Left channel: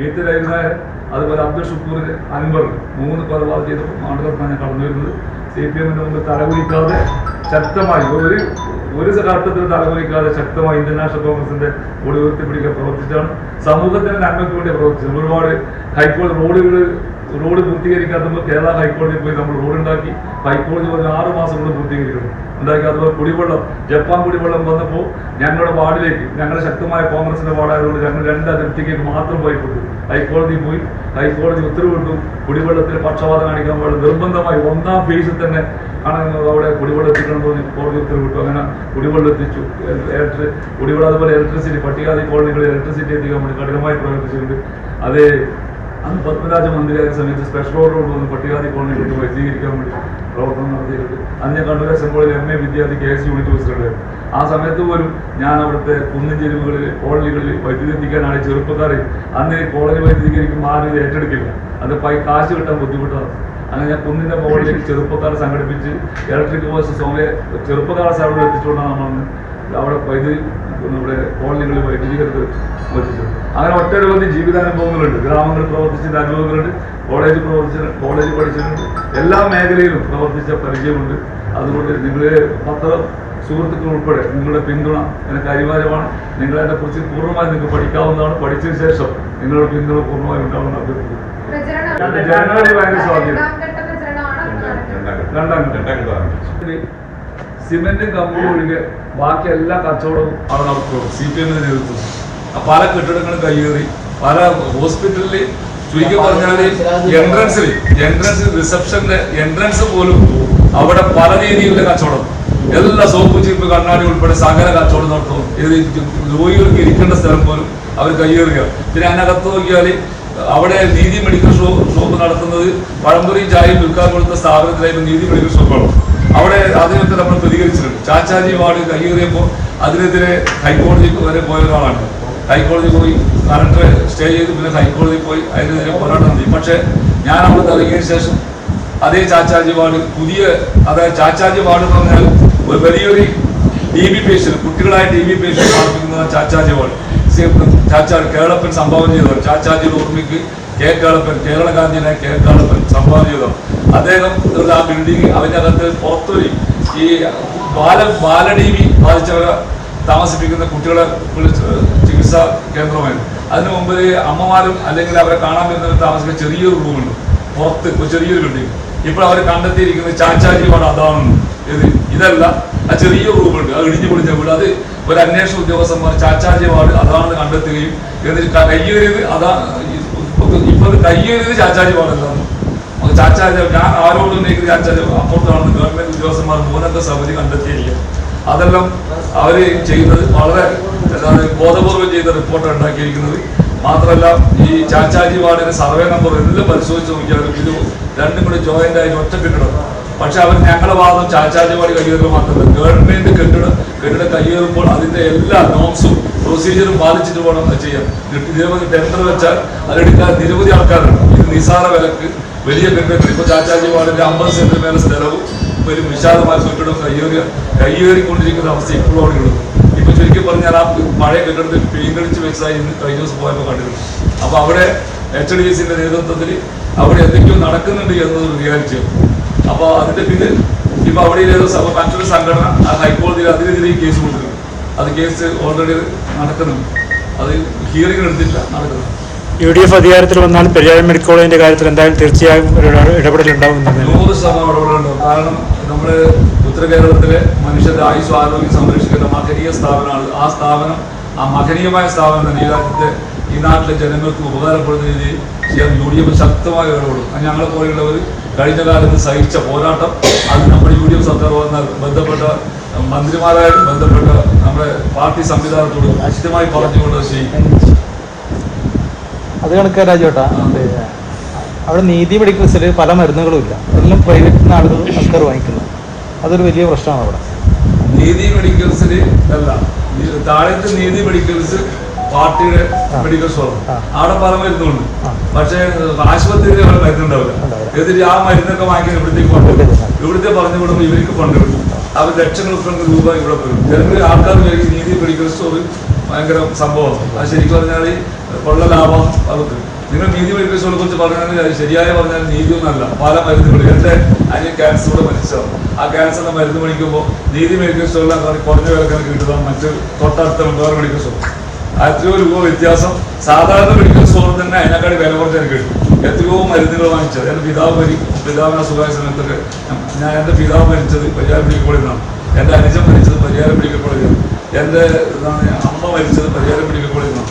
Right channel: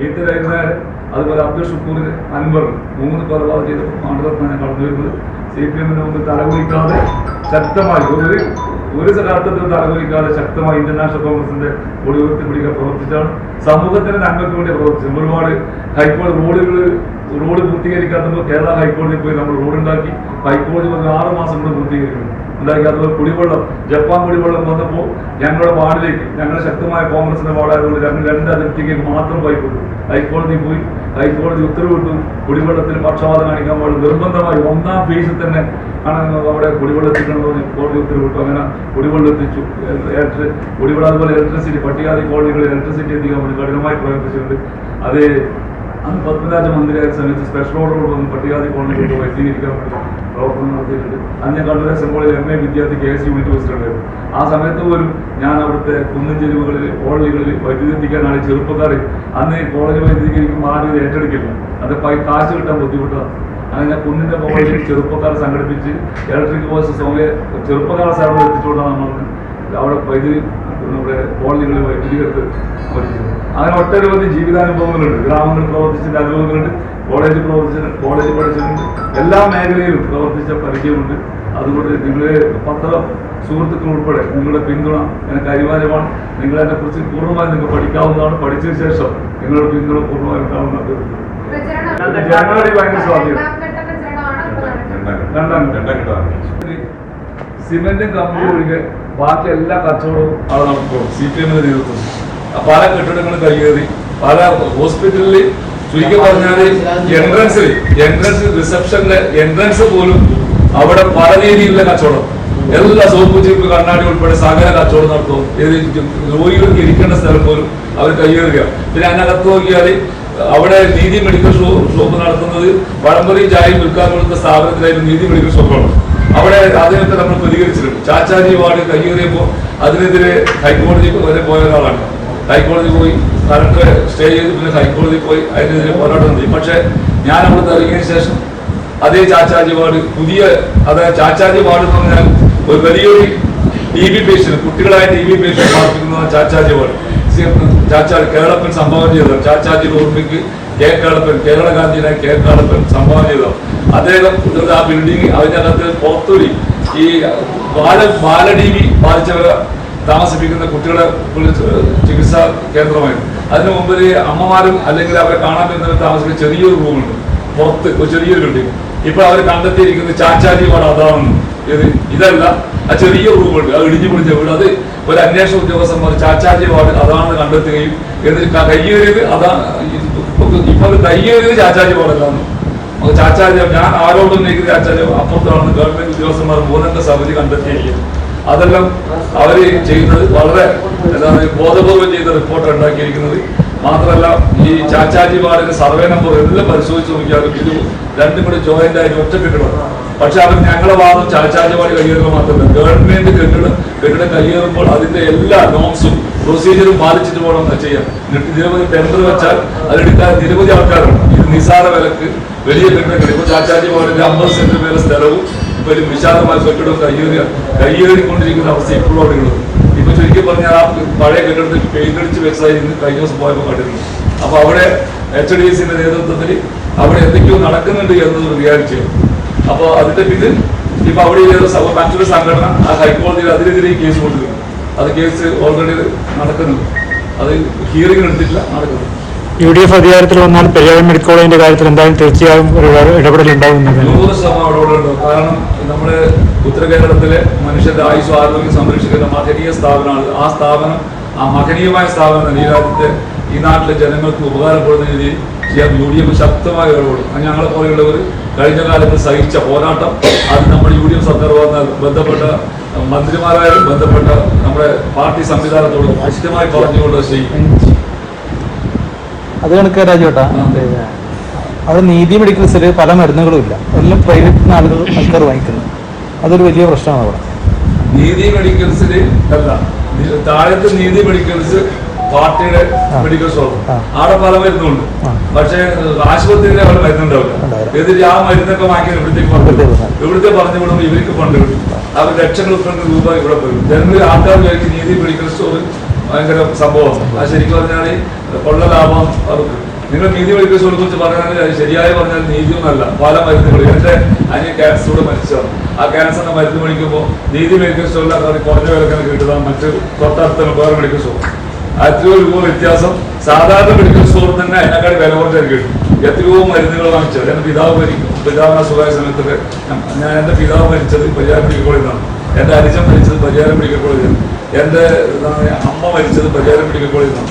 ബീത്തരായിരുന്നായ അതുപോലെ അബ്ദുൽ ഷുക്കൂർ, അൻവർ 3 കൊലപാതകം ചെയ്ത മണ്ഡലത്തിലാണ് ഞാൻ കടന്നു വരുന്നത്. CPM-ന്റെ മുമ്പിൽ തലകുലിക്കാതെ ശക്തമായി ഒരു ഘട്ടത്തിൽ തലകുലിക്കാതെ ശക്തമായി ഇന്ത്യൻ നാഷണൽ കോൺഗ്രസിന്റെ കൊടി ഉയർത്തിപ്പിടിക്കാൻ പ്രവർത്തിച്ചാണ്. സമൂഹത്തിന് നന്മയ്ക്ക് വേണ്ടി പ്രവർത്തിച്ചു. ഒരുപാട് ഹൈക്കോടതി റോഡ് പൂർത്തീകരിക്കാത്തപ്പോൾ കേരള ഹൈക്കോടതിയിൽ പോയി നമ്മൾ റോഡ് ഉണ്ടാക്കി. ഹൈക്കോടതി 6 മാസം കൊണ്ട് പൂർത്തീകരിക്കണം ഉണ്ടാക്കി. അതുപോലെ കുടിവെള്ളം, ജപ്പാൻ കുടിവെള്ളം വന്നപ്പോൾ ഞങ്ങളുടെ വാർഡിലേക്ക്, ഞങ്ങളുടെ ശക്തമായ കോൺഗ്രസിന്റെ വാർഡായതുകൊണ്ട് ഞങ്ങൾ 2 അതിർത്തിക്ക് മാത്രം പൈപ്പ് ഇട്ടു. ഹൈക്കോടതി പോയി, ഹൈക്കോടതി ഉത്തരവിട്ടു കുടിവെള്ളത്തിൽ പക്ഷപാതം കാണിക്കാൻ പാടില്ല, നിർബന്ധമായി 1ാം ഫേസിൽ തന്നെ ആണ് അവിടെ കുടിവെള്ളം എത്തിക്കണമെന്ന് കോടതി ഉത്തരവിട്ടു. അങ്ങനെ കുടിവെള്ളം എത്തിച്ചു. കുടിവെള്ളം അതുപോലെ ഇലക്ട്രിസിറ്റി, പട്ടികജാതി കോളനികളിൽ ഇലക്ട്രിസിറ്റി എത്തിക്കാൻ വേണ്ടി കഠിനമായി പ്രവർത്തിച്ചിട്ടുണ്ട്. അത് അന്ന് പത്മരാജ മന്ത്രിയായ സമയത്ത് സ്പെഷ്യൽ ഓർഡർ കൊണ്ടുവന്ന് പട്ടികജാതി കോളനികളിൽ വൈദ്യുതീകരിക്കാൻ വേണ്ടി പ്രവർത്തനം നടത്തിയിട്ടുണ്ട്. അന്ന് ഞാൻ കണ്ണൂർ അസംബ്ലിയിൽ MA വിദ്യാർത്ഥി KS യൂണിറ്റ് പ്രസിഡന്റ്. ആ സമയത്ത് പോലും ഞാൻ അവിടുത്തെ കുന്നിൻ ചെരുവുകളിൽ കോളനികളിൽ വൈദ്യുതി എത്തിക്കാനാണ് ചെറുപ്പക്കാർ അന്ന് കോളനി വൈദ്യുതീകരിക്കുമ്പോൾ ആരും ഇത് ഏറ്റെടുക്കില്ല, അത് കാശ് കിട്ടാൻ ബുദ്ധിമുട്ടാണ്. അങ്ങനെ ഞാൻ കുന്നിൻ്റെ മുകളിൽ ചെറുപ്പക്കാരെ സംഘടിപ്പിച്ച് ഇലക്ട്രിക് ബോയ്സ് ചെറുപ്പക്കാരെ സേവനം എത്തിച്ചുകൊണ്ടാണ് നമ്മൾ അവിടെ വൈദ്യുതി ഇവിടെ കോളനികളിൽ വൈദ്യുതീകരണത്തിൽ വഹിച്ചത്. അങ്ങനെ ഒട്ടനവധി ജീവിതാനുഭവങ്ങളുണ്ട്. ഗ്രാമങ്ങളിൽ പ്രവർത്തിച്ചതിൻ്റെ അനുഭവങ്ങളുണ്ട്, കോളേജിൽ പഠിച്ചിട്ടുണ്ട്, എല്ലാ മേഖലയിലും പ്രവർത്തിച്ച പരിചയമുണ്ട്. അതുകൊണ്ട് നിങ്ങൾ പത്ര സുഹൃത്തുക്കൾ ഉൾപ്പെടെ നിങ്ങളുടെ പിന്തുണ എനിക്ക് അനിവാര്യമാണ്. നിങ്ങളതിനെ കുറിച്ച് പൂർണ്ണമായി നിങ്ങൾക്ക് പഠിക്കാവുന്നതാണ്. പഠിച്ചതിന് ശേഷം നിങ്ങളുടെ പിന്തുണ പൂർണ്ണമായി ഉണ്ടാവുന്ന അഭ്യർത്ഥിക്കുന്നു. ജനങ്ങളുടെ ഭയങ്കര സ്വാധീനം. 2ാം സിമെന്റും കമ്പും ഒഴികെ ബാക്കി എല്ലാ കച്ചവടവും അവിടെ നടത്തും. CPM-ന്റെ നേതൃത്വം പല കെട്ടിടങ്ങളും കയ്യേറി, പല ഹോസ്പിറ്റലിൽ ചുരുക്കി പറഞ്ഞാൽ എൻട്രൻസിൽ റിസപ്ഷന്റെ എൻട്രൻസ് പോലും അവിടെ പല രീതിയിലുള്ള കച്ചവടം, എല്ലാ സോപ്പ് ചീപ്പ് കണ്ണാടി ഉൾപ്പെടെ സകല കച്ചവടം നടത്തും. രോഗികൾക്ക് ഇരിക്കേണ്ട സ്ഥലം പോലും അവർ കയ്യേറുക. പിന്നെ അതിനകത്ത് നോക്കിയാൽ അവിടെ നീതി മെഡിക്കൽ ഷോപ്പ് നടത്തുന്നത് പഴംപൊരിയും ചായയും വിൽക്കാൻ കൊടുത്ത സ്ഥാപനത്തിലായിരുന്നു നീതി മെഡിക്കൽ ഷോപ്പുകൾ. അവിടെ അതിനൊക്കെ നമ്മൾ പ്രതികരിച്ചിട്ടുണ്ട്. ചാച്ചാജി വാർഡ് കയ്യേറിയപ്പോൾ അതിനെതിരെ ഹൈക്കോടതി വരെ പോയ ഒരാളാണ്. ഹൈക്കോടതി പോയി കറണ്ട് സ്റ്റേ ചെയ്ത് പിന്നെ ഹൈക്കോടതി പോയി അതിനെതിരെ പോരാട്ടം നടത്തി. പക്ഷേ ഞാൻ അവിടെ ഇറങ്ങിയതിനു ശേഷം അതേ ചാച്ചാജി വാർഡ് അതായത് ചാച്ചാജി വാർഡ് എന്ന് പറഞ്ഞാൽ ഒരു വലിയൊരു TB പേഷ്യന്റ്, കുട്ടികളായ TB പേഷ്യന്റ് പാർപ്പിക്കുന്ന ചാച്ചാജി വാർഡ് കേരളപ്പൻ സംഭാവന ചെയ്തതാണ്. ചാച്ചാജിയുടെ ഓർമ്മയ്ക്ക് കേരളപ്പൻ, കേരള ഗാന്ധിയുടെ കേരളപ്പൻ സംഭാവന ചെയ്തതാണ്. അദ്ദേഹം ആ ബിൽഡിംഗ് അതിനകത്ത് പുറത്തൊരു ഈ ബാല-DB ബാധിച്ചവരെ താമസിപ്പിക്കുന്ന കുട്ടികളെ ചികിത്സാ കേന്ദ്രമായിരുന്നു. അതിന് മുമ്പ് അമ്മമാരും അല്ലെങ്കിൽ അവരെ കാണാൻ പറ്റുന്നവർ താമസിക്കുന്ന ചെറിയൊരു റൂമുണ്ട് പുറത്ത്, ഒരു ചെറിയൊരു ബിൽഡിംഗ്. ഇപ്പോൾ അവർ കണ്ടെത്തിയിരിക്കുന്നത് ചാച്ചാജി വാർഡ് അതാണെന്ന്. ഇതല്ല, ആ ചെറിയ റൂമുണ്ട്, അത് ഇടിഞ്ഞു പൊളിഞ്ഞ വീട്. അത് ഒരു അന്വേഷണ ഉദ്യോഗസ്ഥന്മാർ ചാച്ചാജി വാർഡ് അതാണെന്ന് കണ്ടെത്തുകയും എന്നിട്ട് കയ്യേറിയത് ഇപ്പോൾ കയ്യേറിയത് ചാച്ചാജി വാർഡല്ലാന്ന്. ചാച്ചാജി ഞാൻ ആരോടും ഉന്നയിക്കുന്ന ചാച്ചാജി അപ്പുറത്താണെന്ന് ഗവൺമെന്റ് ഉദ്യോഗസ്ഥന്മാർ 3-അംഗ സമിതി കണ്ടെത്തിയിരിക്കുക. അതെല്ലാം അവർ ചെയ്യുന്നത് വളരെ ബോധപൂർവം ചെയ്ത റിപ്പോർട്ടാണ് ഉണ്ടാക്കിയിരിക്കുന്നത്. മാത്രമല്ല ഈ ചാച്ചാജി വാർഡിന്റെ സർവേ നമ്പർ എല്ലാം പരിശോധിച്ച് നോക്കിയാലും ഇത് 2ഉം കൂടി ജോയിന്റ് ആയിട്ട് ഒറ്റ കെട്ടിടം. പക്ഷെ അവർ ഞങ്ങളുടെ വാദം ചാച്ചാജി വാർഡ് കയ്യേറുക മാത്രമല്ല, ഗവൺമെന്റ് കെട്ടിടം കയ്യേറുമ്പോൾ അതിന്റെ എല്ലാ നോംസും പ്രൊസീജിയറും പാലിച്ചിട്ട് പോകണം ചെയ്യാം. നിരവധി ടെൻഡർ വെച്ചാൽ അതെടുക്കാൻ നിരവധി ആൾക്കാരുണ്ട്. ഇത് നിസാര വിലക്ക് വലിയ കെട്ടിടങ്ങൾ. ഇപ്പോൾ ചാച്ചാജി വാർഡിന്റെ 50 സെന്റിന് മേലെ സ്ഥലവും ഇപ്പൊ ഒരു വിശാലമായ കെട്ടിടവും കയ്യേറിക്കൊണ്ടിരിക്കുന്ന അവസ്ഥ ഇപ്പോഴും അവിടെ ഉള്ളത്. ഇപ്പൊ ചുരുക്കി പറഞ്ഞാൽ ആ പഴയ കെട്ടിടത്തിൽ പെയിന്റ് അടിച്ച് വെച്ചതായി ഇന്ന് കഴിഞ്ഞ ദിവസം പോയപ്പോൾ കണ്ടിരുന്നു. അപ്പൊ അവിടെ HDC-ന്റെ നേതൃത്വത്തിൽ അവിടെ എന്തൊക്കെയോ നടക്കുന്നുണ്ട് എന്നൊരു റിയാലിറ്റിയാണ്. അപ്പോൾ അതിന്റെ പിന്നിൽ ഇപ്പൊ അവിടെ മറ്റൊരു സംഘടന ആ ഹൈക്കോടതിയിൽ അതിനെതിരെ കേസ് കൊടുത്തിട്ടുണ്ട്. അത് കേസ് ഓൾറെഡി നടക്കുന്നുണ്ട്. അത് ഹിയറിംഗ് എടുത്തിട്ടില്ല, നടക്കുന്നു. UDF അധികാരത്തിൽ വന്നാൽ പെരിയാർ മെഡിക്കൽ കോളേജിന്റെ കാര്യത്തിൽ എന്തായാലും തീർച്ചയായും ഒരു ഇടപെടൽ ഉണ്ടാവുന്നത് 100% ഇടപെടലുണ്ടാവും. കാരണം നമ്മുടെ ഉത്തര കേരളത്തിലെ മനുഷ്യരുടെ ആയുസ്സും ആരോഗ്യം സംരക്ഷിക്കുന്ന മഹനീയ സ്ഥാപനമാണ്. ആ സ്ഥാപനം, ആ മഹനീയമായ സ്ഥാപനം ഈ രാജ്യത്തെ ഈ നാട്ടിലെ ജനങ്ങൾക്ക് ഉപകാരപ്പെടുന്ന രീതിയിൽ ചെയ്യാൻ UDF ശക്തമായ ഇടപെടും. ഞങ്ങളെ പോലെയുള്ളവർ കഴിഞ്ഞ കാലത്ത് സഹിച്ച പോരാട്ടം അത് നമ്മുടെ UDF സർക്കാർ വന്നാൽ ബന്ധപ്പെട്ട മന്ത്രിമാരായാലും ബന്ധപ്പെട്ട നമ്മുടെ പാർട്ടി സംവിധാനത്തോട് കൃത്യമായി പറഞ്ഞുകൊണ്ട് ചെയ്യും. അത് കണക്കേടാ ചേട്ടാ, അവിടെ നീതി മെഡിക്കൽസിൽ പല മരുന്നുകളുമില്ല, എല്ലാം പ്രൈവറ്റ് ആളുകൾ വഹിക്കുന്നത്. അതൊരു വലിയ പ്രശ്നമാണ്. നീതി മെഡിക്കൽസിൽ അല്ല, താഴത്തെ നീതി മെഡിക്കൽസ് പാർട്ടിയുടെ മെഡിക്കൽ ഷോപ്പ്, അവിടെ പല മരുന്നുണ്ട്. പക്ഷേ ആശുപത്രിയിൽ അവിടെ മരുന്നുണ്ടാവില്ല. എന്നിട്ട് ആ മരുന്നൊക്കെ വാങ്ങിക്കാൻ ഇവിടത്തേക്ക് ഫണ്ട് കിട്ടും. ഇവിടുത്തെ പറഞ്ഞു വിടുമ്പോൾ ഇവർക്ക് ഫണ്ട് കിട്ടും. അവർ ലക്ഷക്കണക്കിന് രൂപ ഇവിടെ വരും. ജനങ്ങളിൽ ആൾക്കാർ കഴിക്കും നീതി മെഡിക്കൽ സ്റ്റോർ ഭയങ്കര സംഭവമാണ്. അത് ശരിക്കും പറഞ്ഞാൽ ഉള്ള ലാഭം അവർക്ക്. നിങ്ങൾ നീതി മെഡിക്കൽ സ്റ്റോറിനെ കുറിച്ച് പറയുകയാണെങ്കിൽ അത് ശരിയായി പറഞ്ഞാൽ നീതിയൊന്നുമല്ല. പല മരുന്നുകൾ എൻ്റെ അനിയൻ ക്യാൻസറോട് മരിച്ചതാണ്. ആ ക്യാൻസറിന്റെ മരുന്ന് മേടിക്കുമ്പോൾ നീതി മെഡിക്കൽ സ്റ്റോറിൽ കുറഞ്ഞ വിലക്കാണ് കിട്ടുന്നത്. മറ്റ് തൊട്ടടുത്ത വേറെ മെഡിക്കൽ സ്റ്റോർ എത്രയോ രൂപ വ്യത്യാസം സാധാരണ മെഡിക്കൽ സ്റ്റോറിൽ തന്നെ അതിനേക്കാൾ വില കുറച്ച് കിട്ടും. എത്രയോ മരുന്നുകൾ വാങ്ങിച്ചത്. എൻ്റെ പിതാവിന് അസുഖമായ സമയത്തൊക്കെ എൻ്റെ പിതാവ് മരിച്ചത് പരിയാരം മെഡിക്കൽ കോളേജിലാണ്. എൻ്റെ അനുജൻ മരിച്ചത് പരിയാരം മെഡിക്കൽ കോളേജിലാണ്. എൻ്റെ അമ്മ മരിച്ചത് പരിയാരം മെഡിക്കൽ കോളേജിലാണ്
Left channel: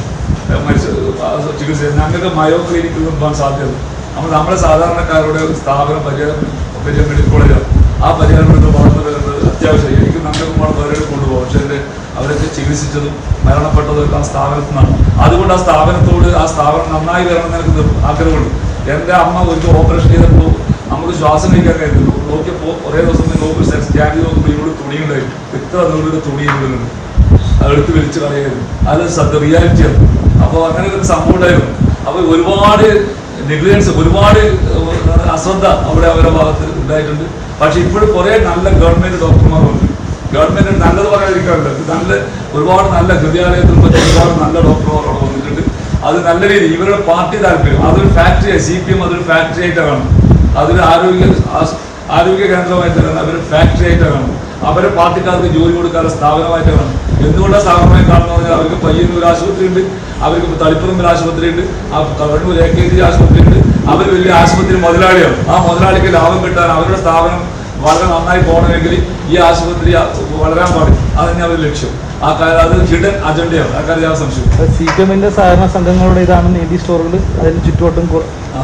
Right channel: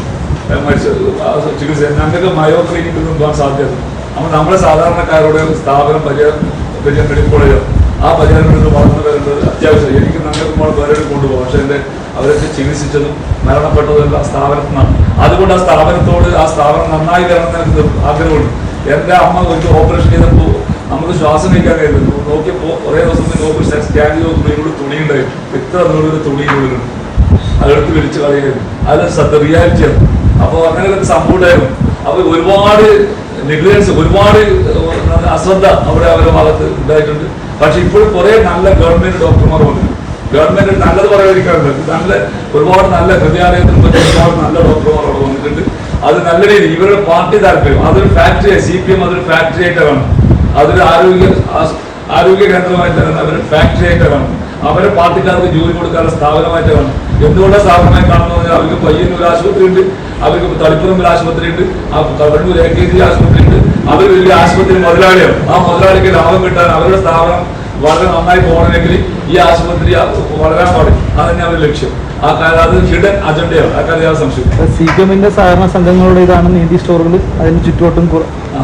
ചികിത്സ. ഞങ്ങൾക്ക് മയോ ക്ലിനിക്കിൽ നിന്ന് പോകാൻ സാധ്യത. അപ്പോൾ നമ്മളെ സാധാരണക്കാരുടെ സ്ഥാപനം പരിയാരം മെഡിക്കൽ കോളേജാണ്. ആ പരിഹാരം വളർന്നു വരേണ്ടത് അത്യാവശ്യം. എനിക്ക് നിങ്ങൾക്ക് ഒരുപാട് പേരുടെ കൊണ്ടുപോകാം. പക്ഷെ എൻ്റെ അവരൊക്കെ ചികിത്സിച്ചതും മരണപ്പെട്ടതും ആ സ്ഥാപനത്തിൽ നിന്നാണ്. അതുകൊണ്ട് ആ സ്ഥാപനത്തോട് ആ സ്ഥാപനം നന്നായി വരണം എനിക്ക് ആഗ്രഹമുണ്ട്. എൻ്റെ അമ്മ ഒരിക്കൽ ഓപ്പറേഷൻ ചെയ്തപ്പോൾ നമുക്ക് ശ്വാസം കഴിക്കാൻ കഴിയുന്നു. നോക്കിയപ്പോൾ കുറേ ദിവസം ഓപ്പറേഷൻ സ്കാൻ ചെയ്ത് നോക്കുമ്പോൾ തുണി ഉണ്ടായിരുന്നു. ഇത്ര നൂറൊരു തുണി കൊടുക്കുന്നു. അതെടുത്ത് വിളിച്ച് കളയായിരുന്നു. അത് സത്യ റിയാലിറ്റിയാണ്. അപ്പോൾ അങ്ങനെയൊക്കെ സംഭവം ഉണ്ടായിരുന്നു. അപ്പോൾ ഒരുപാട് നെഗ്ലിജൻസ്, ഒരുപാട് അശ്രദ്ധ അവരുടെ ഭാഗത്ത് ഉണ്ടായിട്ടുണ്ട്. പക്ഷെ ഇപ്പോഴും കുറെ നല്ല ഗവൺമെന്റ് ഡോക്ടർമാർ വന്നു. ഗവൺമെന്റ് നല്ലത് പറയാതിരിക്കാറുണ്ട്. ഒരുപാട് നല്ല ഹൃദയാലയത്തിൽ ഒരുപാട് നല്ല ഡോക്ടർമാർ അവിടെ വന്നിട്ടുണ്ട്. അത് നല്ല രീതി ഇവരുടെ പാർട്ടി താല്പര്യം അതൊരു ഫാക്ടറി, CPM അതൊരു ഫാക്ടറി ആയിട്ടാണ് കാണുന്നത്. അതൊരു ആരോഗ്യ കേന്ദ്രമായിട്ടാണ് അവർ ഫാക്ടറി ആയിട്ടാണ് കാണുന്നത്. അവരെ പാർട്ടിക്കാർക്ക് ജോലി കൊടുക്കാനുള്ള സ്ഥാപനമായിട്ട് കാണും. എന്തുകൊണ്ടാണ് സ്ഥാപനമായി കാണുന്നത് പറഞ്ഞാൽ അവർക്ക് പയ്യന്നൂർ ആശുപത്രി ഉണ്ട്, അവർക്ക് തളിപ്പറമ്പിൽ ആശുപത്രി ഉണ്ട്, കണ്ണൂർ AKG ആശുപത്രി ഉണ്ട്. അവർ വലിയ ആശുപത്രി മുതലാളിയാണ്. ആ മുതലാളിക്ക് ലാഭം കിട്ടാൻ അവരുടെ സ്ഥാപനം വളരെ നന്നായി പോകണമെങ്കിൽ ഈ ആശുപത്രി വളരാൻ പാടില്ല. അതന്നെ അവരുടെ ലക്ഷ്യം. ആ കാര്യം അത് ഹിഡൻ അജണ്ടയാണ്. ആ കാര്യം സംശയം. CPMന്റെ സഹകരണ സംഘങ്ങളുടേതാണ് നീതി സ്റ്റോറുകൾ അതിന് ചുറ്റുവട്ടം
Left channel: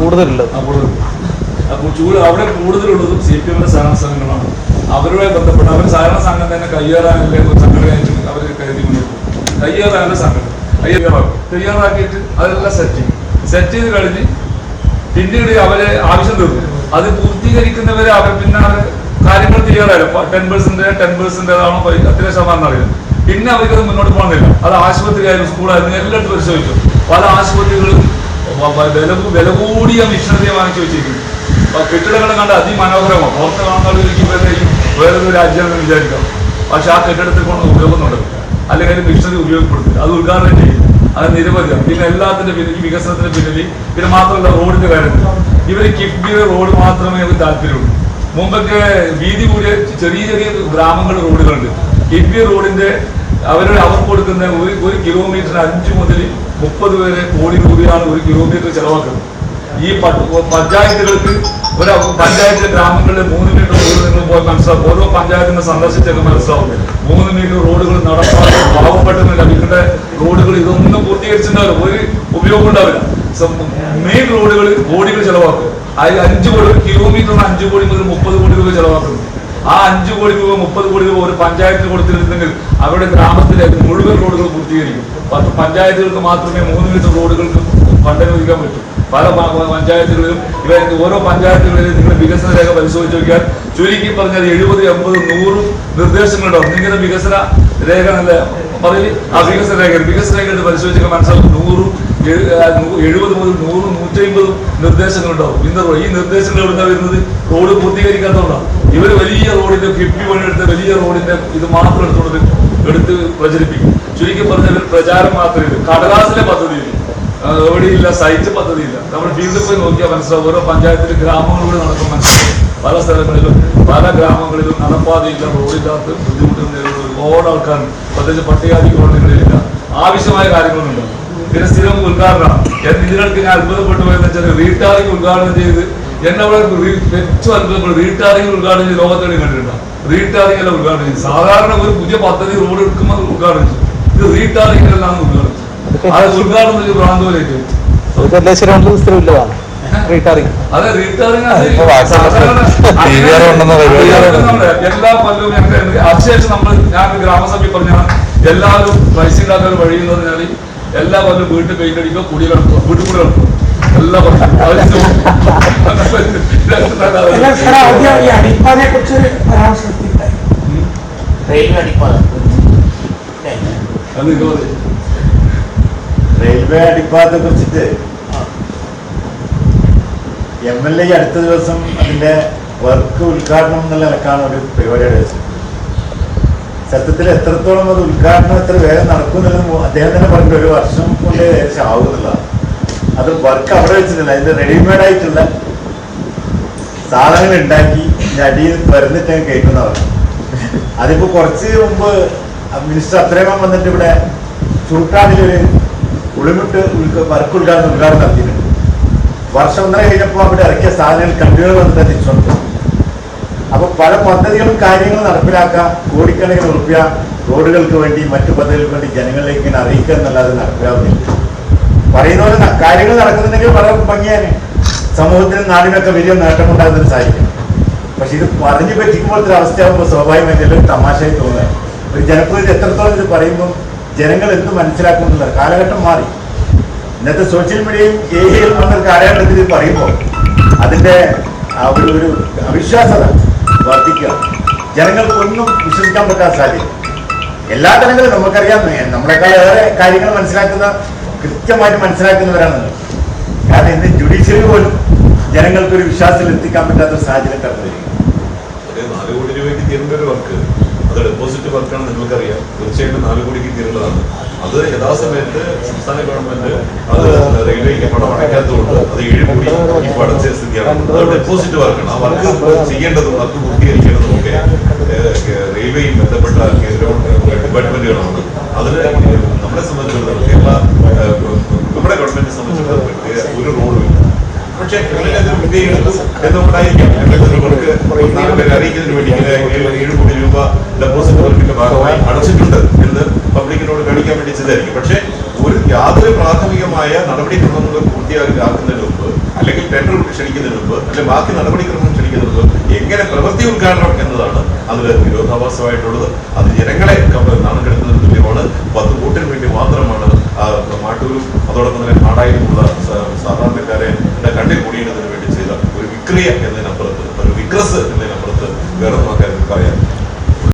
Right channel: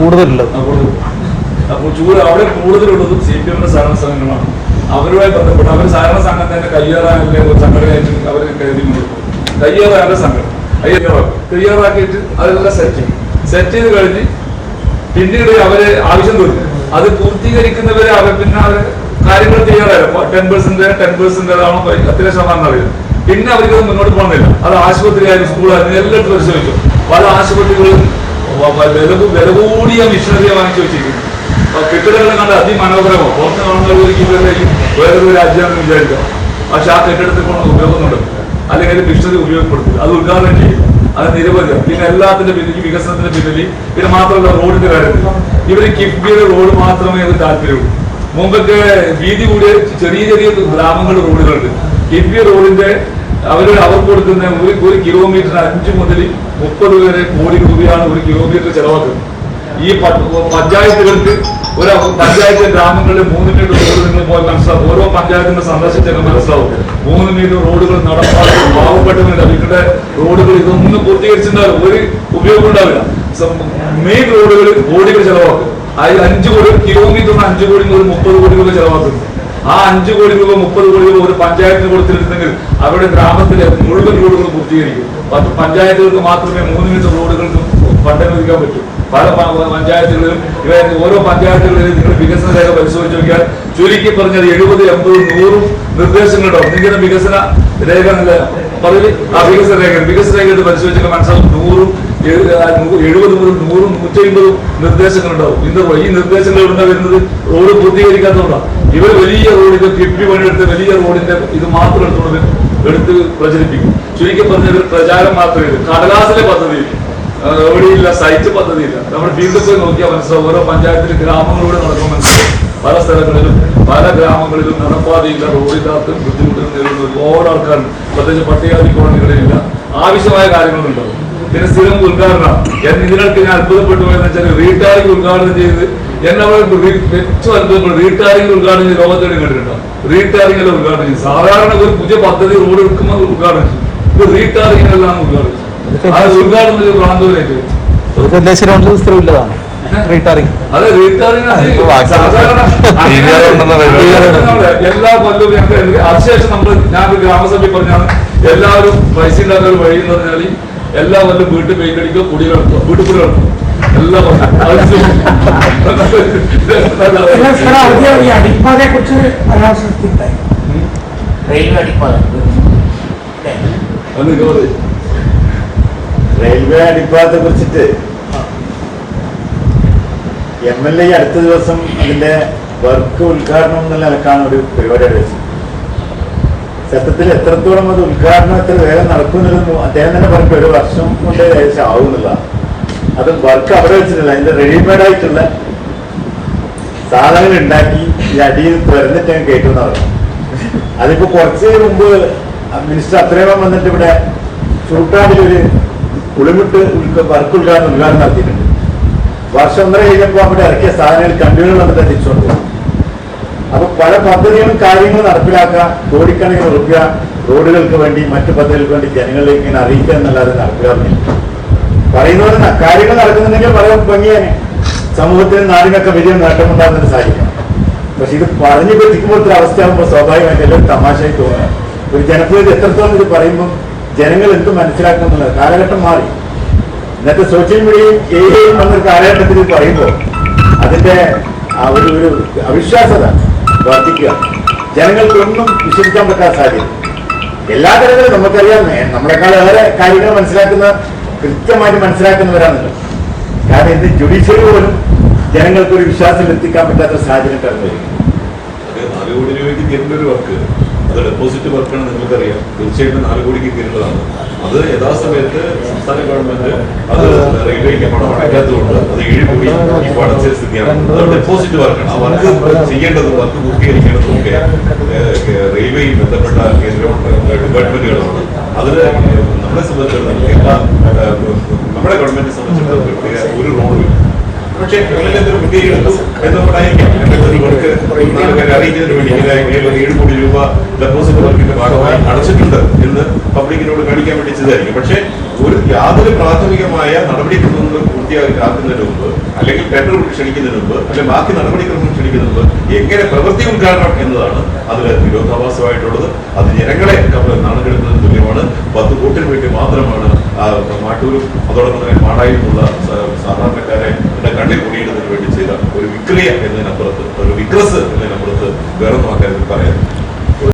കൂടുതലുള്ളത്. അപ്പോൾ അവിടെ കൂടുതലുള്ളത് CPMന്റെ സഹകരണ സംഘങ്ങളാണ്. അവരുമായി ബന്ധപ്പെട്ട് അവർ സഹകരണ സംഘം തന്നെ കയ്യേറാനല്ലേ ഒരു സംഘടനയായിട്ട് അവർ കരുതി കൊടുക്കും. കയ്യേറാനല്ല സംഘടന തയ്യാറാക്കിയിട്ട് അതെല്ലാം സെറ്റ് ചെയ്ത് കഴിഞ്ഞ് പിന്നീട് അവര് ആവശ്യം തീർക്കും. അത് പൂർത്തീകരിക്കുന്നവരെ അവർ പിന്നെ അവർ കാര്യങ്ങൾ തയ്യാറായില്ല. 10% ആണോ അത്രയും ശതമാനം അറിയില്ല. പിന്നെ അവർക്കത് മുന്നോട്ട് പോകുന്നില്ല. അത് ആശുപത്രിയായാലും സ്കൂളായിരുന്നു എല്ലായിടത്തും പരിശോധിച്ചു. പല ആശുപത്രികളും വില കൂടിയ മിഷനറിയെ വാങ്ങിച്ചു വെച്ചിരിക്കുന്നു. കെട്ടിടങ്ങളെ കണ്ട് അതിമനോഹരമോ പുറത്ത് കാണുന്നവരിലേക്ക് വേറൊരു രാജ്യമാണെന്ന് വിചാരിക്കാം. പക്ഷെ ആ കെട്ടിടത്തിൽ കൊണ്ട് ഉപയോഗം അല്ലെങ്കിൽ മിഷനറി ഉപയോഗപ്പെടുത്തില്ല. അത് ഉദ്ഘാടനം ചെയ്യും. അത് നിരവധി. പിന്നെ എല്ലാത്തിന്റെ പിന്നിൽ വികസനത്തിന്റെ പിന്നിൽ പിന്നെ മാത്രമല്ല റോഡിന്റെ കാര്യത്തിൽ ഇവർ കിഫ്ബിയുടെ റോഡ് മാത്രമേ അത് താല്പര്യമുള്ളൂ. മുമ്പൊക്കെ വീതി കൂടിയ ചെറിയ ഗ്രാമങ്ങളുടെ റോഡുകളുണ്ട്. കിഫ്ബി റോഡിന്റെ അവർ കൊടുക്കുന്ന ഒരു കിലോമീറ്ററിന് 5 മുതൽ 30 വരെ കോടി രൂപയാണ് ഒരു കിലോമീറ്റർ ചെലവാക്കുന്നത്. ഈ പഞ്ചായത്തുകൾക്ക് ഒരു പഞ്ചായത്ത് ഗ്രാമങ്ങളിലെ 3 മീറ്റർ റോഡ് നിങ്ങൾ പോയി മനസ്സിലാവും. ഓരോ പഞ്ചായത്തിനെ സന്ദർശിച്ചൊക്കെ മനസ്സിലാവും. 3 മീറ്റർ റോഡുകൾ നടപ്പാതെ പാവപ്പെട്ടെന്ന് ലഭിക്കേണ്ട റോഡുകൾ ഇതൊന്നും പൂർത്തീകരിച്ചിട്ടുണ്ടാവില്ല. ഒരു ഉപയോഗം ഉണ്ടാവില്ല. മെയിൻ റോഡുകൾ കോടികൾ ചെലവാക്കും. 5 കോടി കിലോമീറ്ററിന് 5 കോടി മുതൽ 30 കോടി രൂപ ചെലവാക്കുന്നു. ആ 5 കോടി രൂപ 30 കോടി രൂപ ഒരു പഞ്ചായത്തിന് കൊടുത്തിരുന്നെങ്കിൽ അവരുടെ ഗ്രാമത്തിലെ മുഴുവൻ റോഡുകൾ പൂർത്തീകരിക്കും. പഞ്ചായത്തുകൾക്ക് മാത്രമേ 3 മീറ്റർ റോഡുകൾക്ക് ഫണ്ട് അനുവദിക്കാൻ പറ്റൂ. പല പഞ്ചായത്തുകളിലും ഓരോ പഞ്ചായത്തുകളിലും നിങ്ങൾ വികസന രേഖ പരിശോധിച്ച് നോക്കിയാൽ ചുരുക്കി പറഞ്ഞാൽ 70, 80, 100 നിർദ്ദേശങ്ങളുണ്ടാവും. നിങ്ങളുടെ വികസന രേഖ എന്നല്ല പറയല്. ആ വികസന രേഖ പരിശോധിച്ചാൽ മനസ്സിലാക്കും 70 മുതൽ 100, 150 നിർദ്ദേശങ്ങളുണ്ടാവും. ഈ നിർദ്ദേശങ്ങൾ എവിടെ നിന്നാണ് വരുന്നത്? റോഡ് പൂർത്തീകരിക്കാത്തതുകൊണ്ടാണ്. ഇവർ വലിയ റോഡിന്റെ കിഫ്ബി പണിയെടുത്ത് വലിയ റോഡിന്റെ ഇത് മാത്രം എടുത്ത് പ്രചരിപ്പിക്കും. ചുരുക്കി പറഞ്ഞ പ്രചാരം മാത്രമേ കടലാസിലെ പദ്ധതിയില്ല, എവിടെയില്ല, സൈറ്റ് പദ്ധതിയില്ല. നമ്മൾ ഫീൽഡിൽ പോയി നോക്കിയാൽ മനസ്സിലാവും. ഓരോ പഞ്ചായത്തിലെ ഗ്രാമങ്ങളിലൂടെ നടക്കുമ്പോൾ മനസ്സിലാവും. പല സ്ഥലങ്ങളിലും പല ഗ്രാമങ്ങളിലും നടപ്പാതയില്ല, റോഡില്ലാത്ത ബുദ്ധിമുട്ടുകൾ നേരിടുന്ന ഒരുപാട് ആൾക്കാരുണ്ട്. പ്രത്യേകിച്ച് പട്ടികജാതി കോളനികളിലില്ല. ആവശ്യമായ കാര്യങ്ങളുണ്ടാവും. പിന്നെ സ്ഥിരം ഉദ്ഘാടനമാണ്. ഇതിനൊക്കെ ഞാൻ അത്ഭുതപ്പെട്ടു പോയെന്ന് വെച്ചാൽ റീടാറിംഗ് ഉദ്ഘാടനം ചെയ്ത് എന്നെ ഏറ്റവും അത്ഭുതപ്പെട്ടു. റീടാറിംഗ് ഉദ്ഘാടനം ചെയ്ത് ലോകത്തോടെ കണ്ടിട്ടുണ്ടാവും. റീടാറിംഗ് എല്ലാം ഉദ്ഘാടനം ചെയ്തു. സാധാരണ ഒരു പുതിയ പദ്ധതി റോഡ് എടുക്കുമ്പോൾ ഉദ്ഘാടനം ചെയ്തു. ഇത് റീടാറിംഗ് എല്ലാം ഉദ്ഘാടനം ചെയ്തു. അത് ഉദ്ഘാടനത്തിൽ പ്രാന്തൂരായിട്ട് അതെ റീടാറിംഗ് സാധാരണ എല്ലാ കൊല്ലവും അതിനുശേഷം ഞങ്ങൾക്ക് ഗ്രാമസഭയിൽ പറഞ്ഞാണ് എല്ലാവരും പൈസ ഉണ്ടാക്കാൻ ഒരു വഴി എന്ന് പറഞ്ഞാൽ എല്ലാ കൊല്ലം വീട്ടിൽ പെയിന്റ് അടിക്കുക, കുടി കിടക്കുക, വീട്ടിൽ കൂടി കിടക്കും. എല്ലാം റെയിൽവേ അടിപ്പാതത്തെ കുറിച്ചിട്ട് MLA അടുത്ത ദിവസം അതിന്റെ വർക്ക് ഉദ്ഘാടനം എന്നുള്ള നിലക്കാണ് ഒരു പരിപാടി വെച്ചത്. സത്യത്തിൽ എത്രത്തോളം അത് ഉദ്ഘാടനം എത്ര വേഗം നടക്കുമെന്നത് അദ്ദേഹം തന്നെ പറഞ്ഞിട്ട് 1 വർഷം കൊണ്ട് ഏകദേശം ആവുന്നുള്ളതാണ്. അത് വർക്ക് അവിടെ വെച്ചിട്ടില്ല, അതിന്റെ റെഡിമെയ്ഡ് ആയിട്ടുള്ള സാധനങ്ങൾ ഉണ്ടാക്കി ഈ അടിയിൽ പിറന്നിട്ട് കയറ്റുന്നവർ. അതിപ്പോ കുറച്ച് മുമ്പ് മിനിസ്റ്റർ അത്രയും വന്നിട്ട് ഇവിടെ ചൂട്ടാണ്ടിലൊരു ഉളിമിട്ട് വർക്ക് ഉദ്ഘാടനം നടത്തിയിട്ടുണ്ട്. വർഷം 1.5 കഴിഞ്ഞപ്പോൾ അവിടെ ഇറക്കിയ സാധനങ്ങൾ കണ്ടുകൾ വന്നിട്ട് തിരിച്ചുകൊണ്ട് പോകും. അപ്പൊ പല പദ്ധതികളും കാര്യങ്ങളും നടപ്പിലാക്കാം. കോടിക്കണക്കിന് റുപ്യ റോഡുകൾക്ക് വേണ്ടി മറ്റു പദ്ധതികൾക്ക് വേണ്ടി ജനങ്ങളിലേക്ക് ഇങ്ങനെ അറിയിക്കുക എന്നല്ലാതെ നടപ്പിലാക്കുന്നില്ല. പറയുന്ന പോലെ കാര്യങ്ങൾ നടക്കുന്നുണ്ടെങ്കിൽ വളരെ ഭംഗിയാണ്, സമൂഹത്തിനും നാടിനൊക്കെ വലിയ നേട്ടമുണ്ടാകുന്നതിന് സാധിക്കണം. പക്ഷെ ഇത് പറഞ്ഞു പറ്റിക്കുമ്പോഴത്തെ അവസ്ഥയാകുമ്പോൾ സ്വാഭാവികമായിട്ട് എല്ലാം തമാശയായി തോന്നുകയാണ്. ഒരു ജനപ്രതിനിധി എത്രത്തോളം ഇത് പറയുമ്പം ജനങ്ങൾ എന്ത് മനസ്സിലാക്കുമെന്നുള്ളത് കാലഘട്ടം മാറി. ഇന്നത്തെ സോഷ്യൽ മീഡിയയും ഏരിയയിലും വന്നൊരു കാലഘട്ടത്തിൽ ഇത് പറയുമ്പോൾ അതിന്റെ ആ ഒരു അവിശ്വാസത വർദ്ധിക്കുക. ജനങ്ങൾക്കൊന്നും വിശ്വസിക്കാൻ പറ്റാത്ത സാഹചര്യം. എല്ലാ തരത്തിലും നമുക്കറിയാം, നമ്മളെക്കാൾ ഏറെ കാര്യങ്ങൾ മനസ്സിലാക്കുന്ന, കൃത്യമായിട്ട് മനസ്സിലാക്കുന്നവരാണ് നിങ്ങൾ. കാരണം ഇന്ന് ജുഡീഷ്യറി പോലും ജനങ്ങൾക്കൊരു വിശ്വാസം എത്തിക്കാൻ പറ്റാത്ത സാഹചര്യം കടന്നു വരിക. 4 കോടി രൂപയ്ക്ക് തീരേണ്ട ഒരു വർക്ക്, അത് ഡെപ്പോസിറ്റ് വർക്കാണ്, നിങ്ങൾക്കറിയാം. തീർച്ചയായിട്ടും 4 കോടിക്ക് തീരേണ്ടതാണ്. അത് യഥാസമയത്ത് സംസ്ഥാന ഗവൺമെന്റ് അത് റെയിൽവേക്ക് പണം അടയ്ക്കാത്തതുകൊണ്ട് അത് 7 കോടി ഇപ്പോൾ അടച്ച സ്ഥിതിയാണ്. അത് ഡെപ്പോസിറ്റ് വർക്കാണ്. ആ വർക്ക് ചെയ്യേണ്ടതും വർക്ക് പൂർത്തീകരിക്കേണ്ടതും ഒക്കെ റെയിൽവേയും ബന്ധപ്പെട്ട കേന്ദ്ര ഡിപ്പാർട്ട്മെന്റുകളാണ്. അതിന് നമ്മളെ സംബന്ധിച്ചിടത്തോളം നമ്മുടെ ഗവൺമെന്റിനെ സംബന്ധിച്ചിടത്തോളം പ്രത്യേക ഒരു റോളും. പക്ഷേ എന്തെങ്കിലും മുൻകൈ എടുത്തു എന്നുകൊണ്ടായിരിക്കാം എന്തെങ്കിലും വർക്ക് 4 പേരെ അറിയിക്കുന്നതിന് വേണ്ടി ഇങ്ങനെ 7 കോടി രൂപ ഡെപ്പോസിറ്റ് വർക്കിന്റെ ഭാഗമായി അടച്ചിട്ടുണ്ട് എന്ന് പബ്ലിക്കിനോട് കാണിക്കാൻ വേണ്ടി ചെയ്തായിരിക്കും. പക്ഷേ യാതൊരു പ്രാഥമികമായ നടപടിക്രമങ്ങൾ പൂർത്തിയാക്കുന്നതിന് മുമ്പ്, അല്ലെങ്കിൽ ടെൻഡർ ക്ഷണിക്കുന്നതിന് മുമ്പ്, അല്ലെങ്കിൽ ബാക്കി നടപടിക്രമം ക്ഷണിക്കുന്നതിന് മുമ്പ് എങ്ങനെ പ്രവൃത്തി ഉദ്ഘാടനം എന്നതാണ് അതിൽ വിരോധാഭാസമായിട്ടുള്ളത്. അത് ജനങ്ങളെ നാടുകെടുത്തതിന് തുല്യമാണ്. 10 വോട്ടിന് വേണ്ടി മാത്രമാണ് മാട്ടൂരും അതോടൊപ്പം തന്നെ പാടായിലുമുള്ള സാധാരണക്കാരെ കണ്ണിൽ കൂടിയിടുന്നതിന് വേണ്ടി ചെയ്ത ഒരു വിക്രിയ എന്നതിനപ്പുറത്ത്, ഒരു വിക്രസ് എന്നതിനപ്പുറത്ത് വേറെ നോക്കാൻ പറയാൻ